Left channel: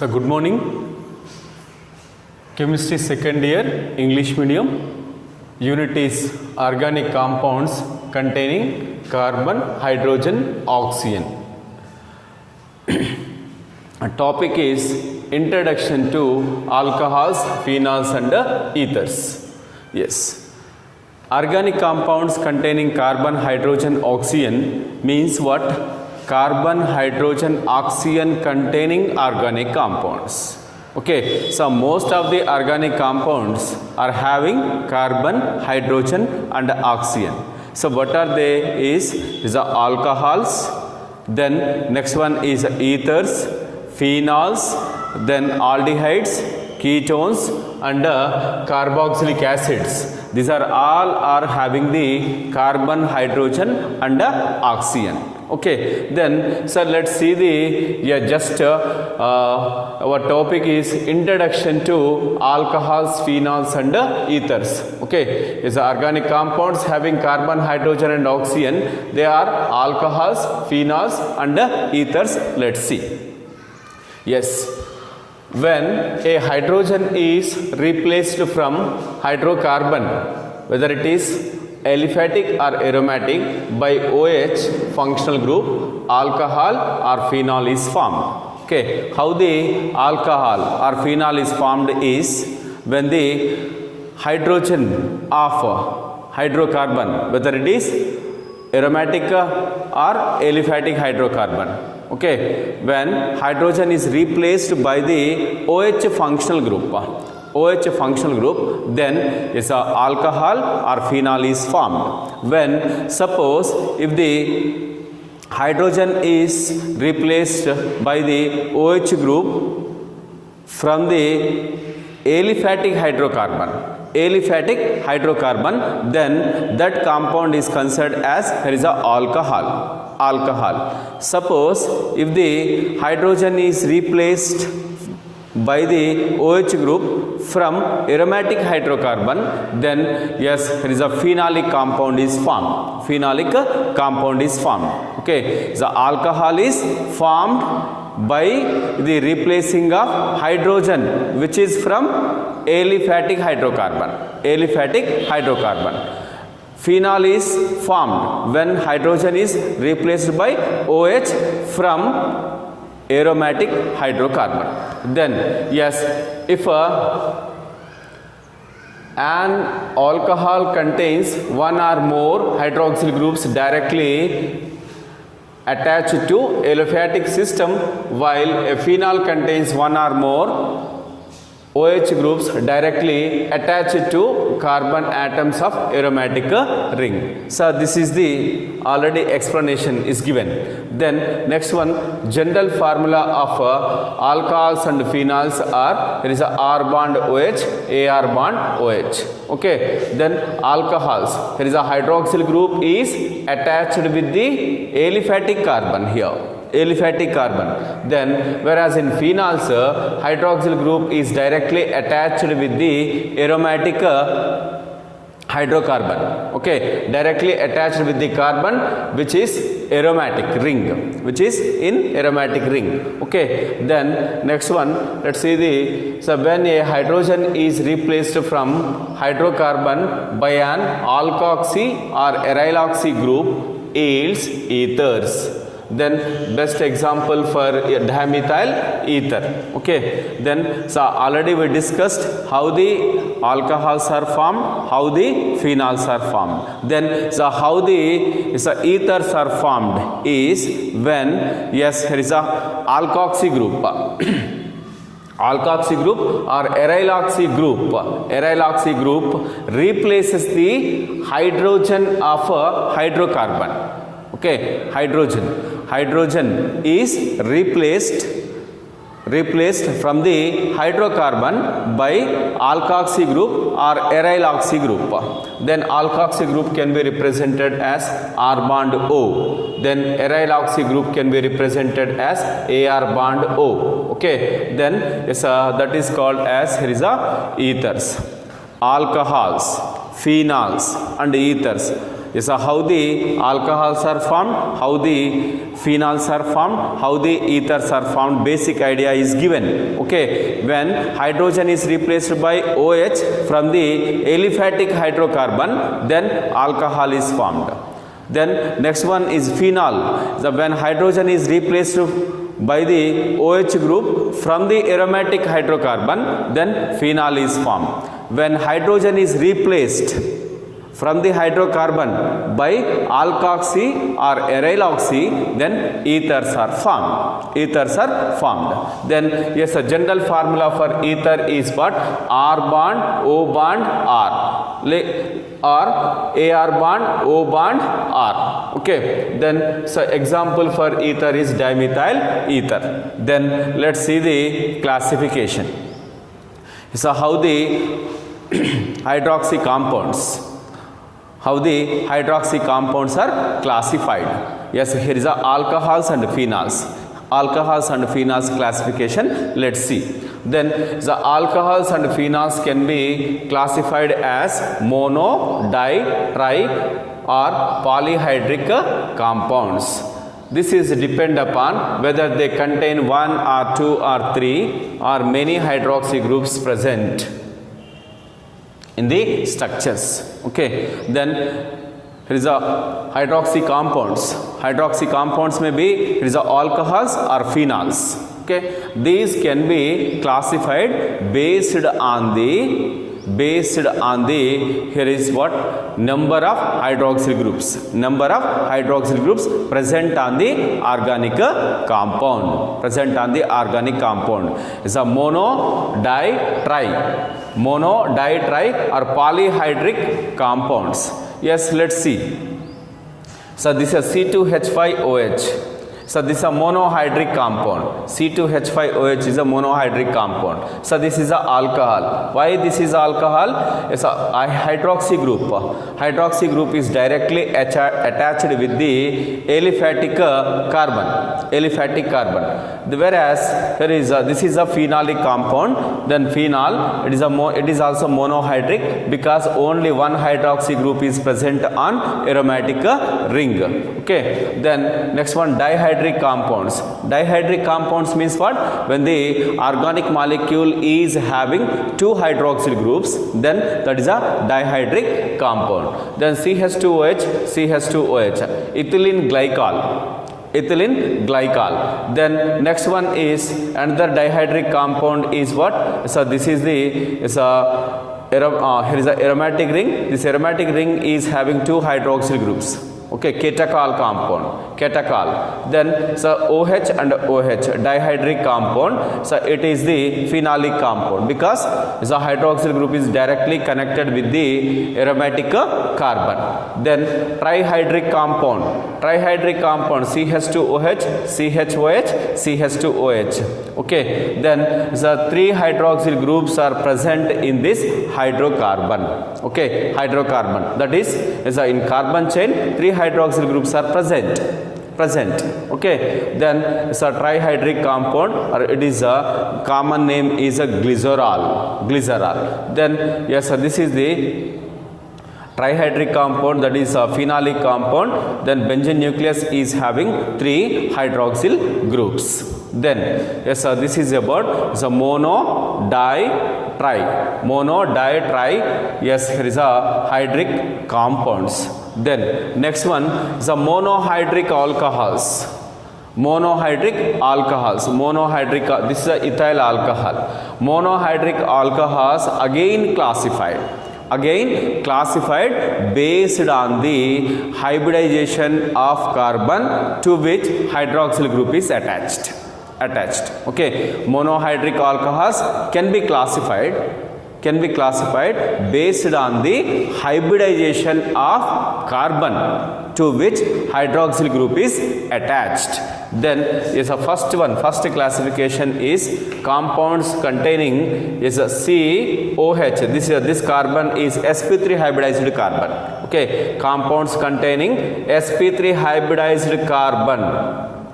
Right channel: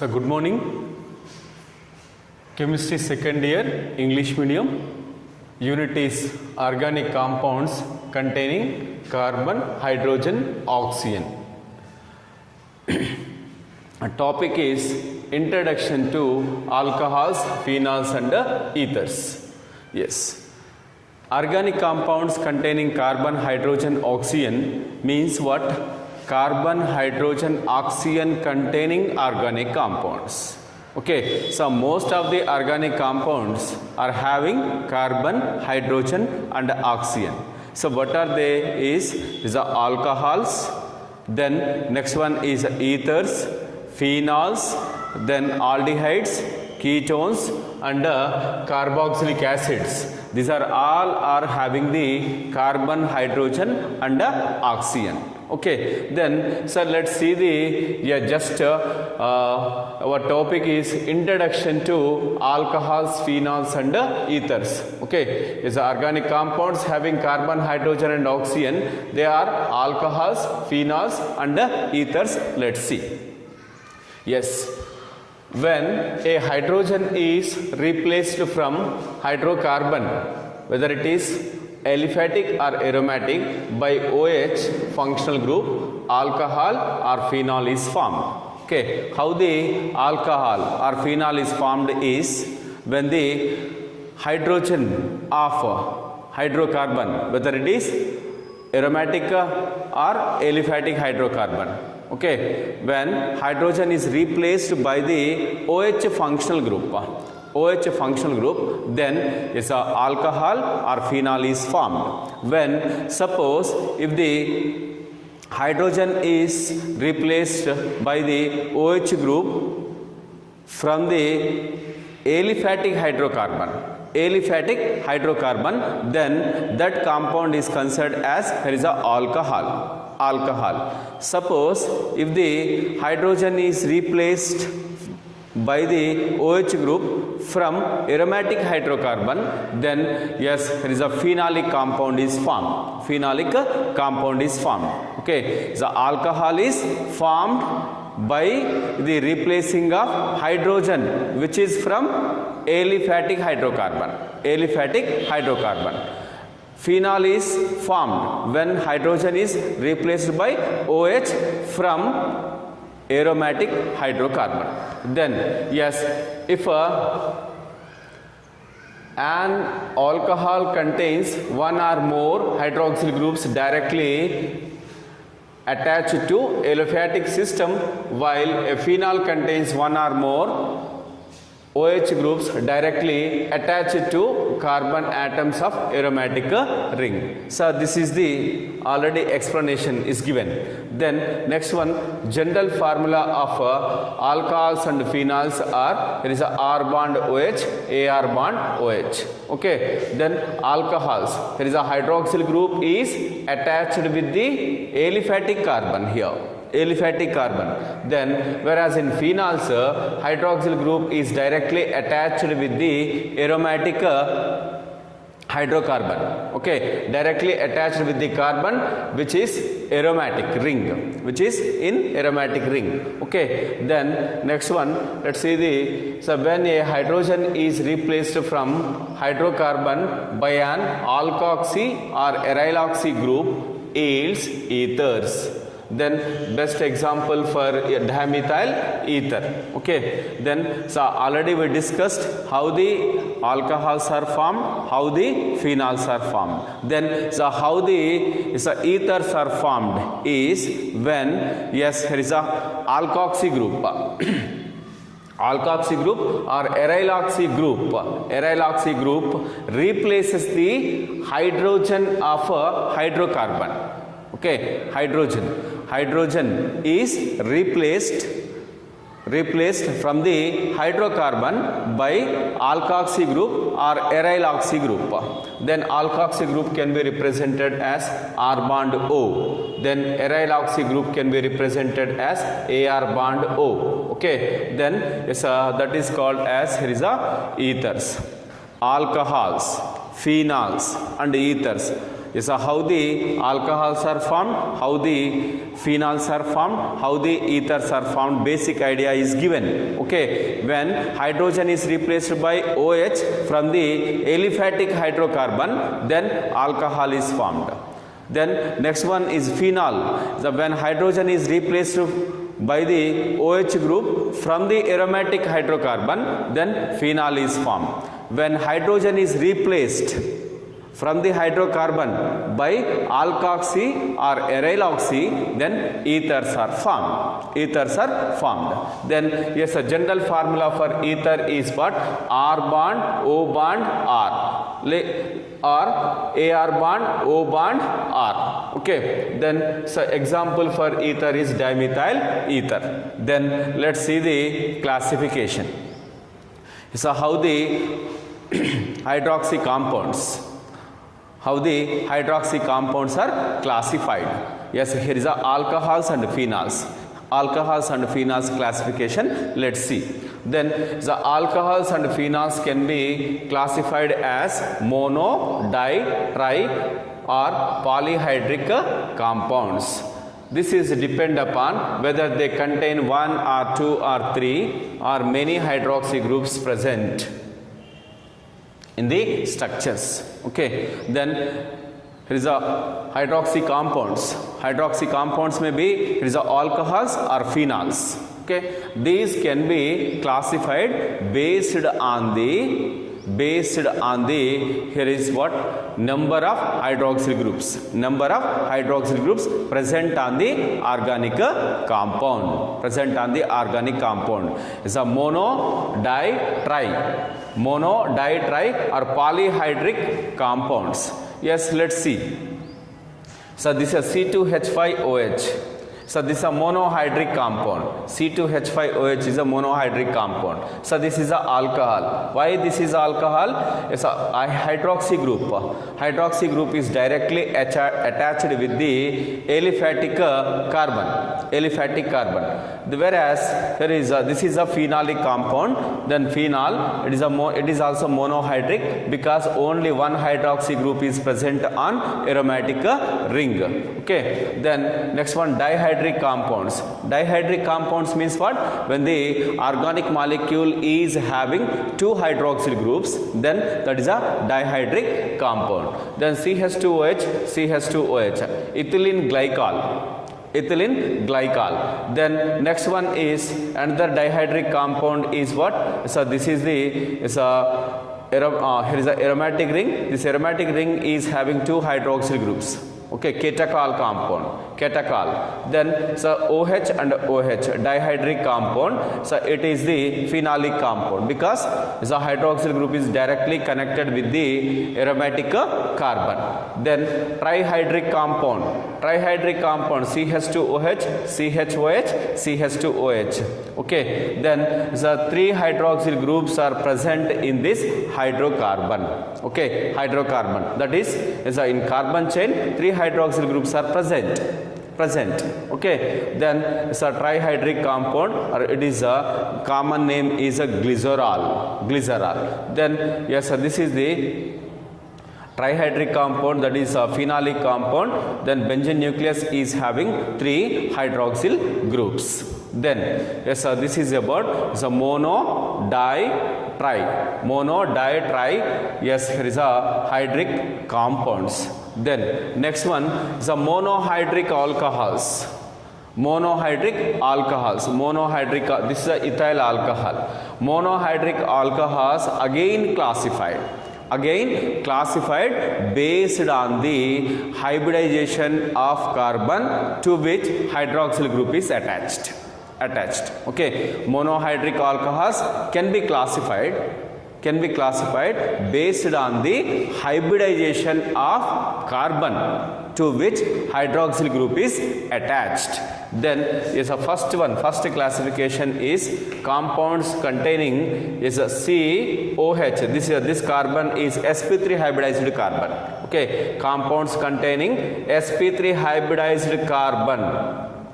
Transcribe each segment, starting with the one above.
So good morning. Chemistry second year, English medium. Unit is organic compounds containing carbon, hydrogen, oxygen. Topic is introduction to alcohols, phenols and ethers. Yes. Organic compounds containing carbon, hydrogen, oxygen means what? Carbon, hydrogen, oxygen containing organic compounds. Okay, so most of the organic compounds are having carbon, hydrogen and oxygen. So what are they is the alcohols, then next one is ethers, phenols, then aldehydes, ketones and carboxylic acids. These are all are having the carbon, hydrogen and oxygen. Okay, then so let's see the our topic is introduction to alcohols, phenols and ethers. Okay, is organic compounds having carbon, hydrogen and oxygen. They are alcohols, phenols and ethers. Let's see. Yes, when a hydrogen is replaced from hydrocarbon, whether it is aliphatic or aromatic, by OH functional group, alcohol or phenol is formed. Okay, how the alcohol or phenol is formed is when the hydrogen of hydrocarbon, whether it is aromatic or aliphatic hydrocarbon. Okay, when hydrogen is replaced by the OH functional group, then is a alcohol or phenol is formed. When suppose if the hydrogen is replaced by the OH group from the aliphatic hydrocarbon, then that compound is considered as there is a alcohol. Suppose if the hydrogen is replaced by the OH group from aromatic hydrocarbon, then yes, there is a phenolic compound is formed. Okay, the alcohol is formed by the replacing of hydrogen, which is from aliphatic hydrocarbon. Phenol is formed when hydrogen is replaced by OH from aromatic hydrocarbon. Then yes, if an alcohol contains one or more hydroxyl groups directly attached to aliphatic system, while a phenol contains one or more OH groups directly attached to carbon atoms of aromatic ring. So this is the already explanation is given. Then next one, general formula of alcohols and phenols are, there is a R bond OH, AR bond OH. Okay, then alcohols, there is a hydroxyl group is attached with the aliphatic carbon here. Then whereas in phenols hydroxyl group is directly attached with the aromatic hydrocarbon. Okay, directly attached with the carbon which is aromatic ring, Okay, then next one, let's see so when a hydrogen is replaced from hydrocarbon by an alkoxy or aryloxy group, yields ethers. Then best example for dimethyl ether. Okay, then so already we discussed how the alcohols are formed, how the phenols are formed. Then so how the ethers are formed is when yes, there is a alkoxy group or aryloxy group replaces the hydrogen of a hydrocarbon. Okay, hydrogen is replaced from the hydrocarbon by alkoxy group or aryloxy group. Then alkoxy group can be represented as R bond O. Then aryloxy group can be represented as AR bond O. Okay, then yes, that is called as here is ethers. Alcohols, phenols and ethers. Yes, how the alcohols are formed, how the phenols are formed, how the ethers are formed, basic idea is given. Okay, when hydrogen is replaced by OH from the aliphatic hydrocarbon, then alcohol is formed. Then next one is phenol. When hydrogen is replaced by the OH group from the aromatic hydrocarbon, then phenol is formed. When hydrogen is replaced from the hydrocarbon by alkoxy or aryl oxy, then ethers are formed. Ethers are formed. Then yes, a general formula for ether is what? R bond, O bond, R. Or AR bond, O bond, R. Okay. Then so example for ether is dimethyl ether. Then let's see the classification. So how the hydroxy compounds. How the hydroxy compounds are classified. Yes, here is the alcohols and phenols. Alcohols and phenols classification. Let's see. Then the alcohols and phenols can be classified as mono, di, tri or polyhydric compounds. This is depend upon whether they contain 1 or 2 or 3 or many hydroxy groups present in the structures. Okay, then here is a hydroxy compounds. Hydroxy compounds may be here is a alcohols or phenols. Okay, these can be classified based on the here is what number of hydroxyl groups present on the organic compound. Is a mono, di, tri. Mono, di, tri or polyhydric compounds. Yes, let's see. So this is C2H5OH. So this is a monohydric compound. C2H5OH is a monohydric compound. So this is a alcohol. Why this is alcohol? It's a hydroxy group. Hydroxy group is directly attached with the aliphatic carbon. Whereas here is this is a phenolic compound. Then phenol it is also monohydric because only one hydroxy group is present on aromatic ring. Okay. Then next one, dihydric compounds. Dihydric compounds means what? When the organic molecule is having 2 hydroxyl groups, then that is a dihydric compound. Then CH2OH, ethylene glycol. Then next one is another dihydric compound is what? So this is here is a aromatic ring. This aromatic ring is having 2 hydroxyl groups. Okay, catechol compound. Then so OH and OH, dihydric compound. So it is the phenolic compound because the hydroxyl group is directly connected with the aromatic carbon. Then trihydric compound. CH2OH, CH2OH. Okay. Then the 3 hydroxyl groups are present in this hydrocarbon. Okay, hydrocarbon. That is in carbon chain 3 hydroxyl groups are present. Okay. Then it's a trihydric compound, or it is a common name is a glycerol. Then yes, this is the trihydric compound, that is a phenolic compound. Then benzene nucleus is having 3 hydroxyl groups. Then yes, this is about the mono, di, tri. Yes, here is a hydric compounds. Then next one is the monohydric alcohols. This is a ethyl alcohol. Monohydric alcohols again classified based on the hybridization of carbon to which hydroxyl group is attached. Okay, monohydric alcohols can be classified based on the hybridization of carbon to which hydroxyl group is attached. Then is a first classification is compounds containing is a COH. This carbon is sp3 hybridized carbon. Okay, compounds containing sp3 hybridized carbon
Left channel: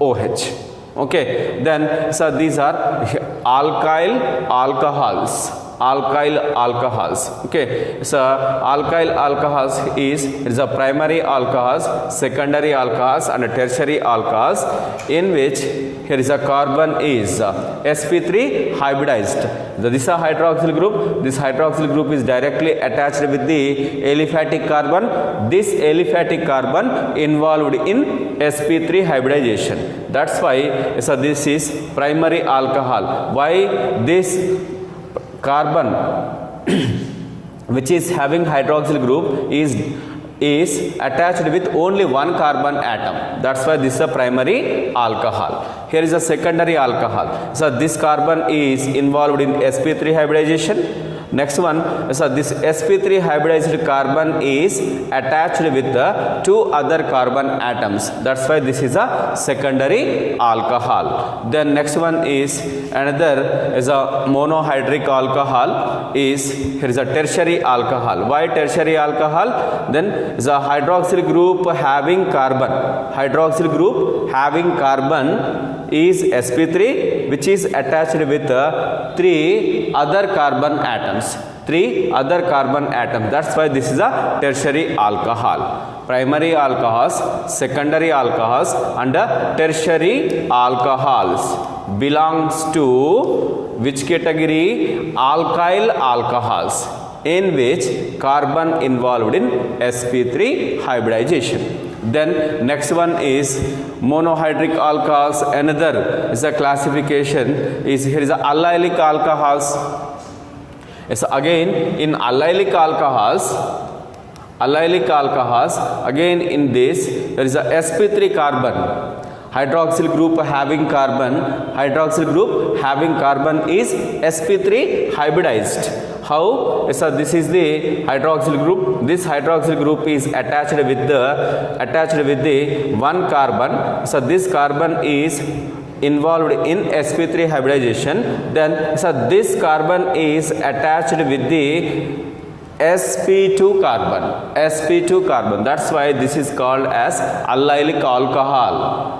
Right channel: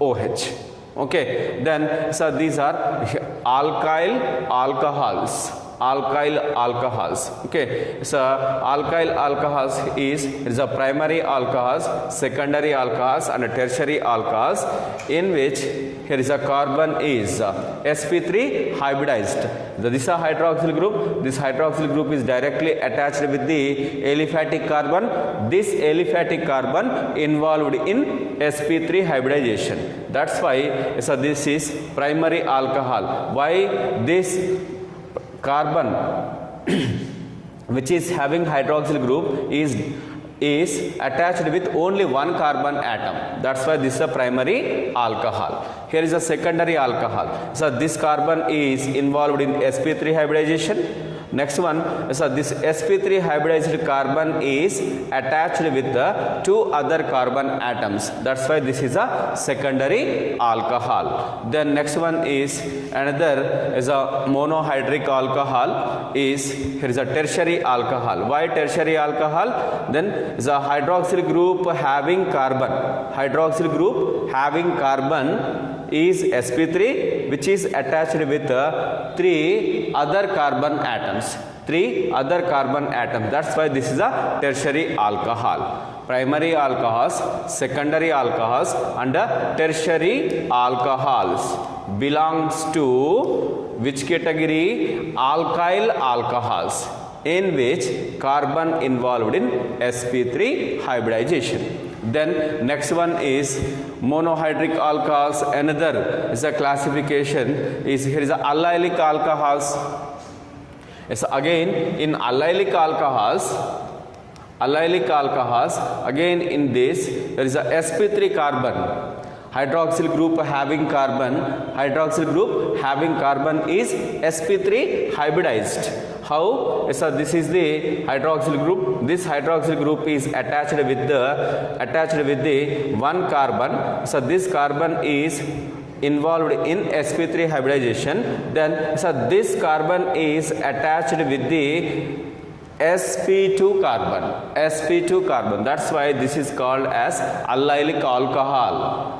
OH. Okay, then so these are alkyl alcohols. alkyl alcohols. Okay, so alkyl alcohols is a primary alcohols, secondary alcohols and tertiary alcohols, in which here is a carbon is sp3 hybridized. This is a hydroxyl group. This hydroxyl group is directly attached with the aliphatic carbon. This aliphatic carbon involved in sp3 hybridization. That's why so this is primary alcohol. Why this carbon which is having hydroxyl group is attached with only one carbon atom. That's why this is a primary alcohol. Here is a secondary alcohol. So this carbon is involved in sp3 hybridization. Next one, so this sp3 hybridized carbon is attached with the two other carbon atoms. That's why this is a secondary alcohol. Then next one is another is a monohydric alcohol. Is here is a tertiary alcohol. Why tertiary alcohol? Then is a hydroxyl group having carbon. Hydroxyl group having carbon is sp3, which is attached with three other carbon atoms. That's why this is a tertiary alcohol. Primary alcohols, secondary alcohols and tertiary alcohols belongs to which category? Alkyl alcohols, in which carbon involved in sp3 hybridization. Then next one is monohydric alcohols. Another is a classification is here is a allylic alcohols. Yes, again in allylic alcohols, again in this there is a sp3 carbon. Hydroxyl group having carbon is sp3 hybridized. How? So this is the hydroxyl group. This hydroxyl group is attached with the one carbon. So this carbon is involved in sp3 hybridization. Then so this carbon is attached with the sp2 carbon. That's why this is called as allylic alcohol.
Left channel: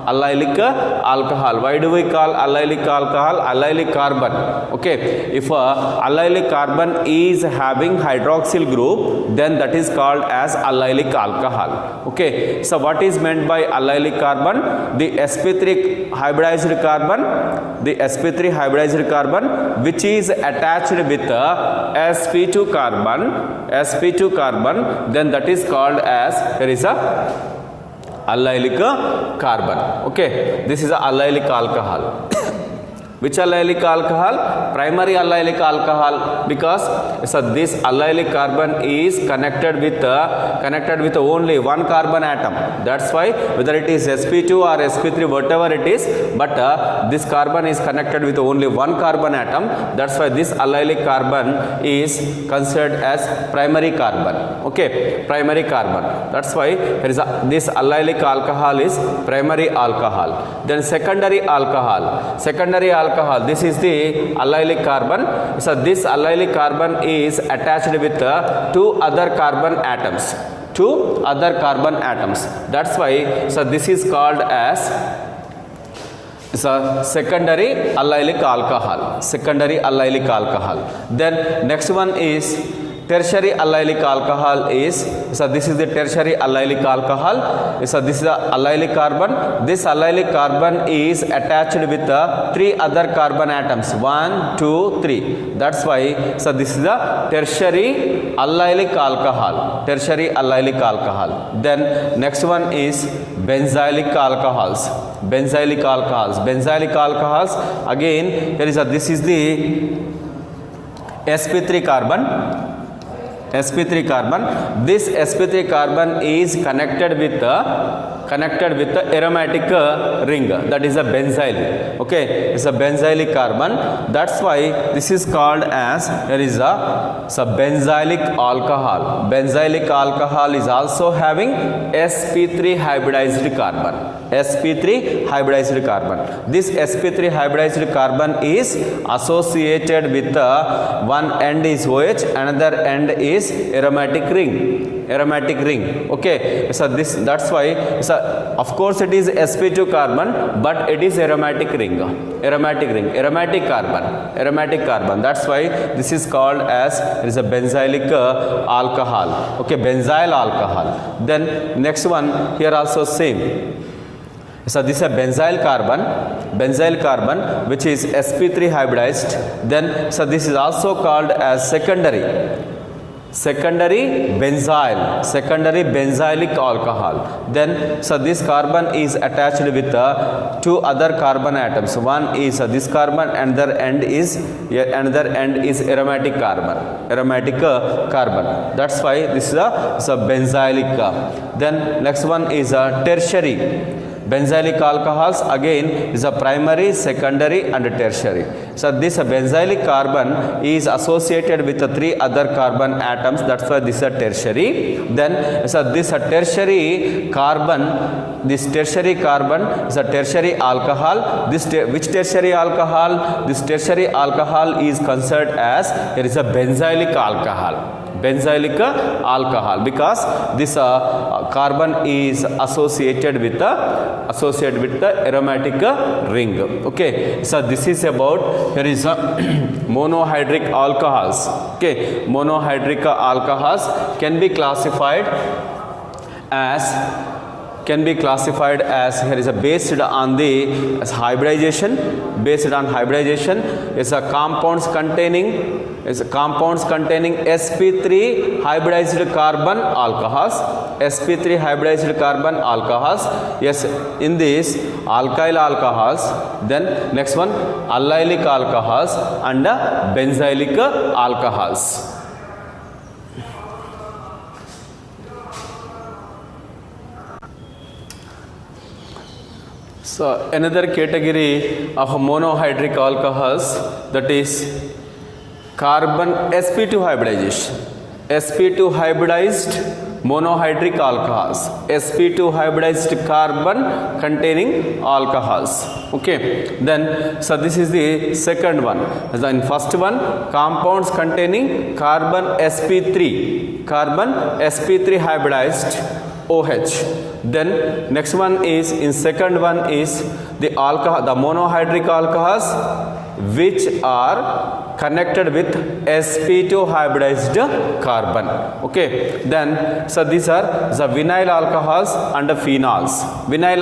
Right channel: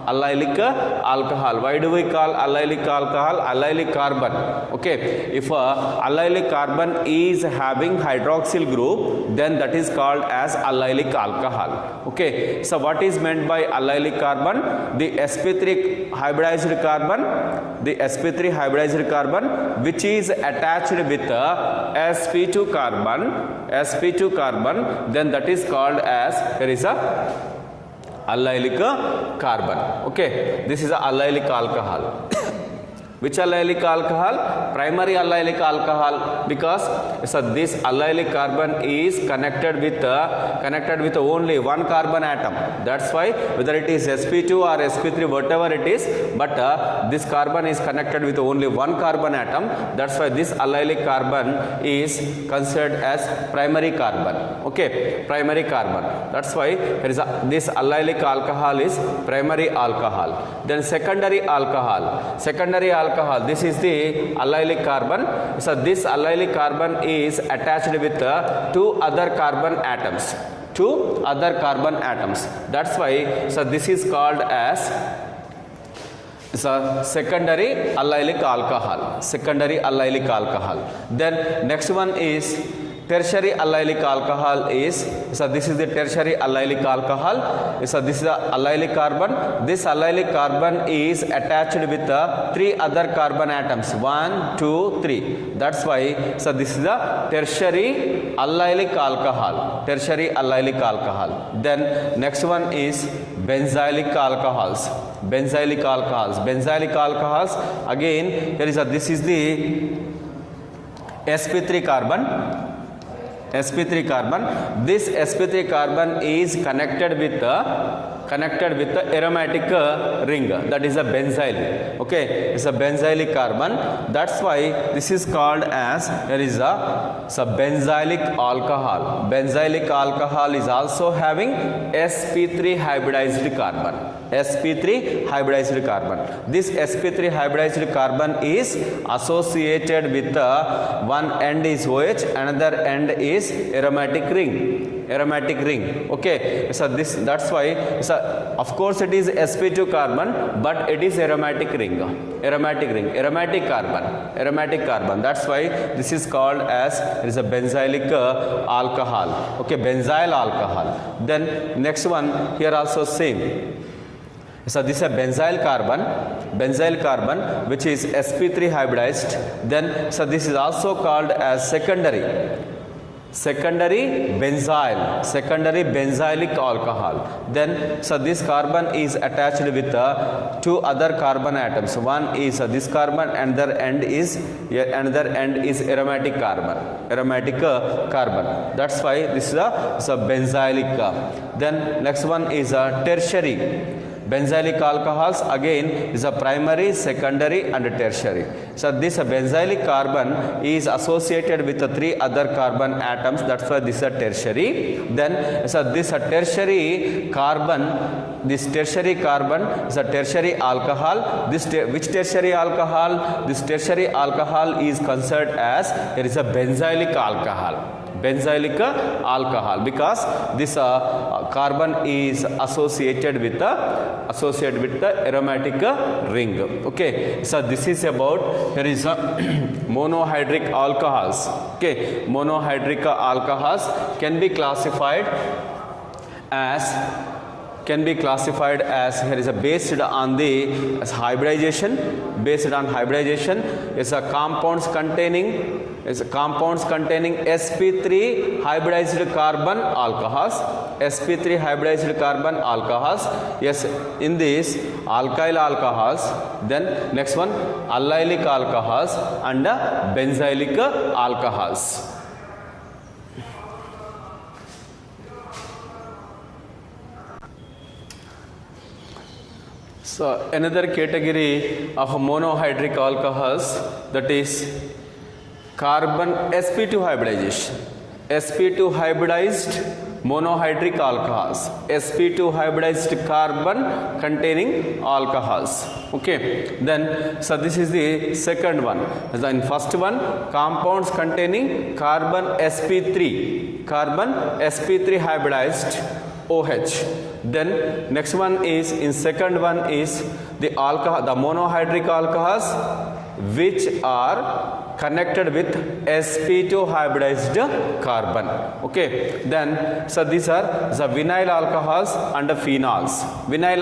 Why do we call allylic alcohol? Allylic carbon. Okay, if allylic carbon is having hydroxyl group, then that is called as allylic alcohol. Okay, so what is meant by allylic carbon? The sp3 hybridized carbon which is attached with sp2 carbon, then that is called as there is a allylic carbon. Okay, this is a allylic alcohol. Which allylic alcohol? Primary allylic alcohol, because so this allylic carbon is connected with only one carbon atom. That's why whether it is sp2 or sp3, whatever it is, but this carbon is connected with only one carbon atom. That's why this allylic carbon is considered as primary carbon. Okay, primary carbon. That's why there is this allylic alcohol is primary alcohol. Then secondary alcohol. This is the allylic carbon. So this allylic carbon is attached with two other carbon atoms. That's why so this is called as secondary allylic alcohol. Then next one is tertiary allylic alcohol. So this is the tertiary allylic alcohol. So this is the allylic carbon. This allylic carbon is attached with three other carbon atoms. 1, 2, 3. That's why so this is the tertiary allylic alcohol. Then next one is benzylic alcohols. Again there is this is the sp3 carbon. This sp3 carbon is connected with the aromatic ring, that is a benzyl. Okay, it's a benzylic carbon. That's why this is called as there is a benzylic alcohol. Benzylic alcohol is also having sp3 hybridized carbon. This sp3 hybridized carbon is associated with one end is OH, another end is aromatic ring. aromatic ring. Okay, so that's why, so of course it is sp2 carbon, but it is aromatic ring, aromatic carbon. That's why this is called as, it is a benzylic alcohol. Okay, benzyl alcohol. Then next one here also same. So this is a benzyl carbon which is sp3 hybridized. Then so this is also called as secondary benzylic alcohol. Then so this carbon is attached with two other carbon atoms. One is this carbon, another end is aromatic carbon. That's why this is a benzylic. Then next one is a tertiary. Benzylic alcohols again is a primary, secondary and tertiary. So this benzylic carbon is associated with the three other carbon atoms. That's why this is a tertiary. Then so this tertiary carbon is a tertiary alcohol. Which tertiary alcohol? This tertiary alcohol is considered as, it is a benzylic alcohol because this carbon is associated with the aromatic ring. Okay, so this is about, here is a monohydric alcohols. Okay, monohydric alcohols can be classified as, here is a based on the hybridization. Is a compounds containing sp3 hybridized carbon alcohols. Yes, in this alkyl alcohols. Then next one allylic alcohols and benzylic alcohols. So another category of monohydric alcohols, that is carbon sp2 hybridization. sp2 hybridized monohydric alcohols, sp2 hybridized carbon containing alcohols. Okay, then so this is the second one. Then first one, compounds containing carbon sp3 hybridized OH. Then next one is, in second one is the monohydric alcohols which are connected with sp2 hybridized carbon. Okay, then so these are the vinyl alcohols and the phenols. Vinyl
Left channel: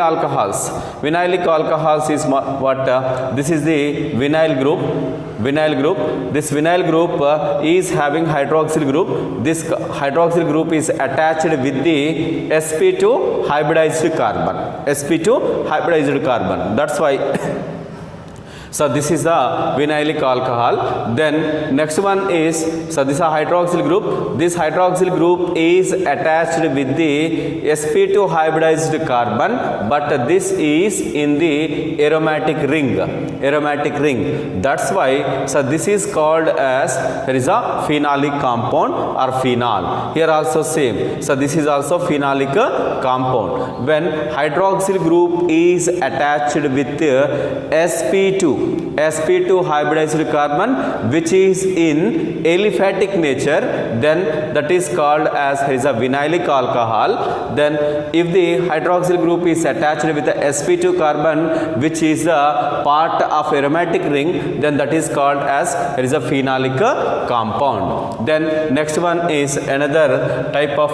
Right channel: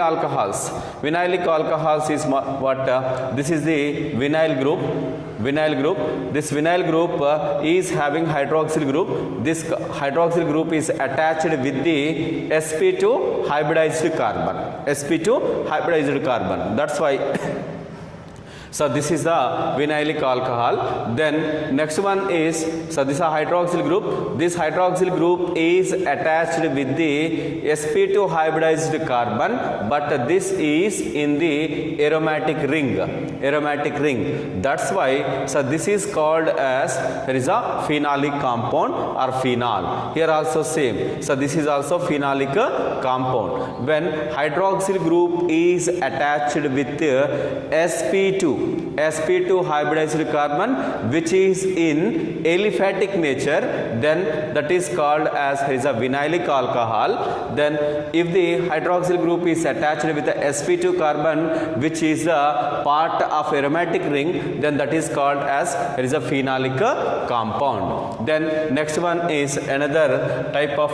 alcohols is what this is the vinyl group. This vinyl group is having hydroxyl group. This hydroxyl group is attached with the sp2 hybridized carbon. That's why so this is the vinylic alcohol. Then next one is, so this is a hydroxyl group. This hydroxyl group is attached with the sp2 hybridized carbon, but this is in the aromatic ring. That's why so this is called as, there is a phenolic compound or phenol. Here also same. So this is also phenolic compound. When hydroxyl group is attached with sp2 hybridized carbon which is in aliphatic nature, then that is called as, here is a vinylic alcohol. Then if the hydroxyl group is attached with the sp2 carbon which is the part of aromatic ring, then that is called as, here is a phenolic compound. Then next one is another type of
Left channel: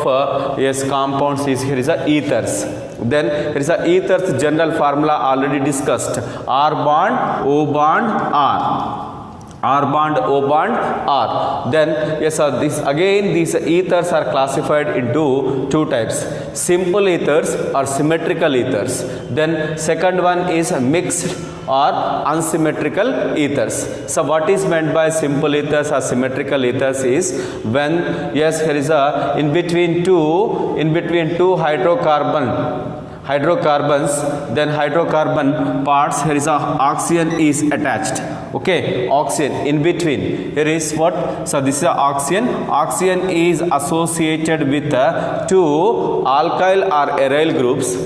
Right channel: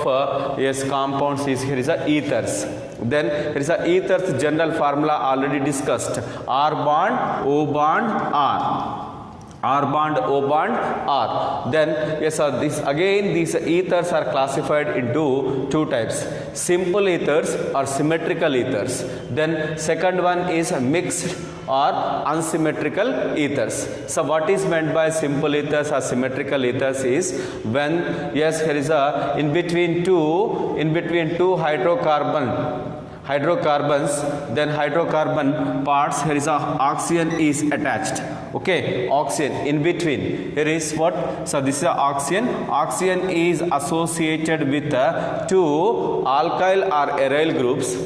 compounds is, here is a ethers. Then here is a ethers general formula already discussed. R bond, O bond, R bond, O bond, R. Then yes, this again these ethers are classified into two types: simple ethers or symmetrical ethers. Then second one is mixed or unsymmetrical ethers. So what is meant by simple ethers or symmetrical ethers is when, yes, here is a in between two hydrocarbons, then hydrocarbon parts, here is a oxygen is attached. Okay, oxygen in between, here is what, so this is a oxygen is associated with two alkyl or aryl groups.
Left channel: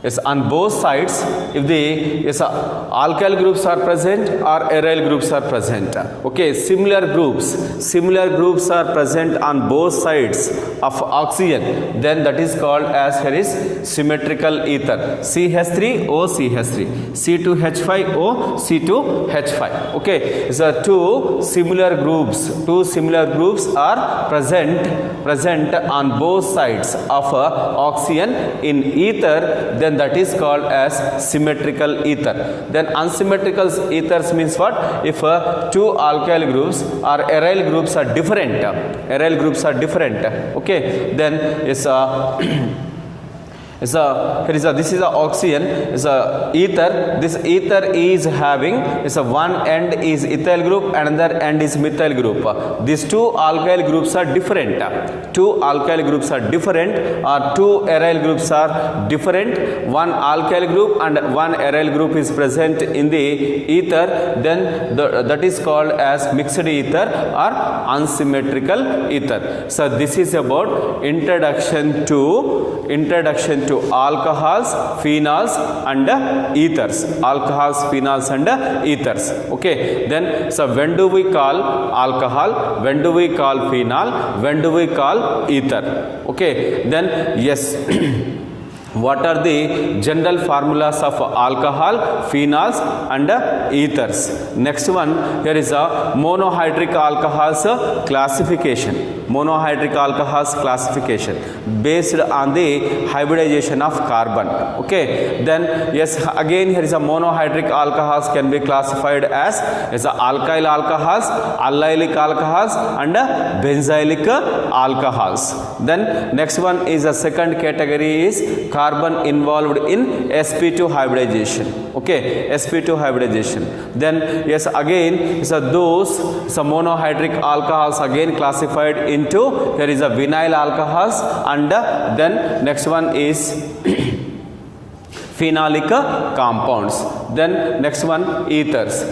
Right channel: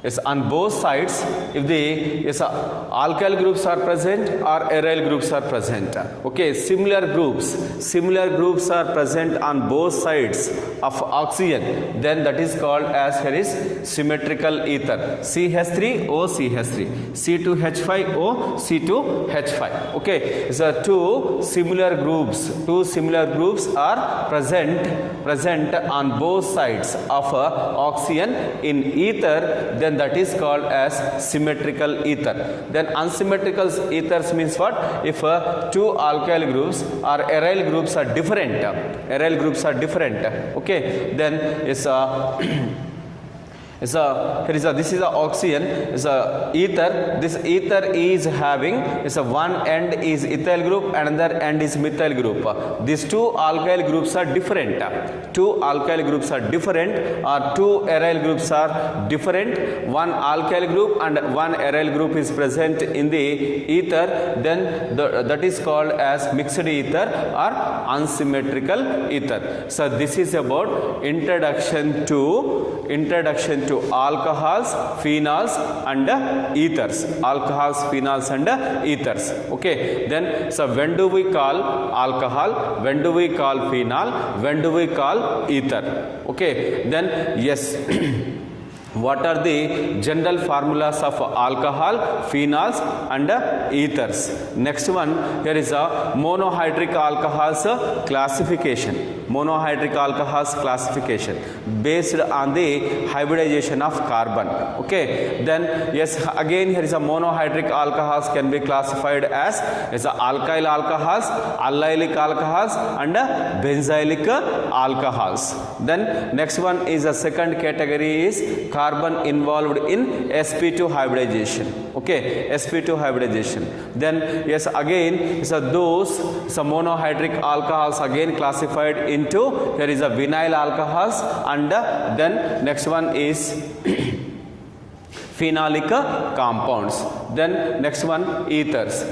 If Yes, on both sides, if the alkyl groups are present or aryl groups are present. Okay, similar groups are present on both sides of oxygen, then that is called as here is symmetrical ether. CH3O CH3, C2H5O C2H5. Okay, so two similar groups are present on both sides of oxygen in ether, then that is called as symmetrical ether. Then unsymmetrical ethers means what? If two alkyl groups or aryl groups are different, okay, then is this is a oxygen, is a ether. This ether is having one end is ethyl group, another end is methyl group. These two alkyl groups are different. Two alkyl groups are different, or two aryl groups are different. One alkyl group and one aryl group is present in the ether, then that is called as mixed ether or unsymmetrical ether. So this is about introduction to alcohols, phenols and ethers. Okay, then so when do we call alcohol, when do we call phenol, when do we call ether? Okay, then yes. What are the general formulas of alcohol, phenols and ethers? Next one, here is a monohydric alcohols classification. Based on the hybridization of carbon. Okay, then yes, again here is a monohydric alcohols can be classified as alkyl alcohols, allylic alcohols and benzylic alcohols. Then next one is a second category is carbon involved in sp2 hybridization. Okay, sp2 hybridization. Then yes, again those monohydric alcohols again classified into here is a vinyl alcohols, and then next one is phenolic compounds. Then next one ethers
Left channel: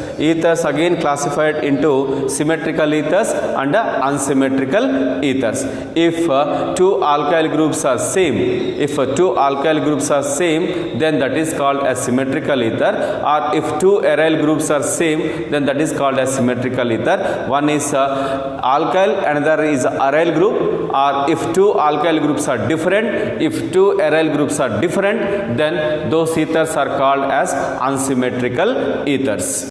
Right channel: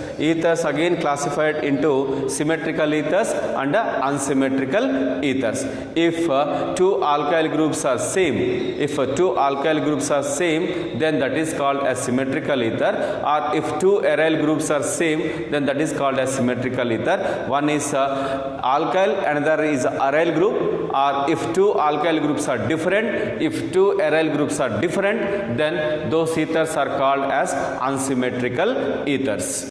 again classified into symmetrical ethers and unsymmetrical ethers. If two alkyl groups are same, then that is called as symmetrical ether, or if two aryl groups are same, then that is called as symmetrical ether. One is alkyl, another is aryl group, or if two alkyl groups are different, if two aryl groups are different, then those ethers are called as unsymmetrical ethers.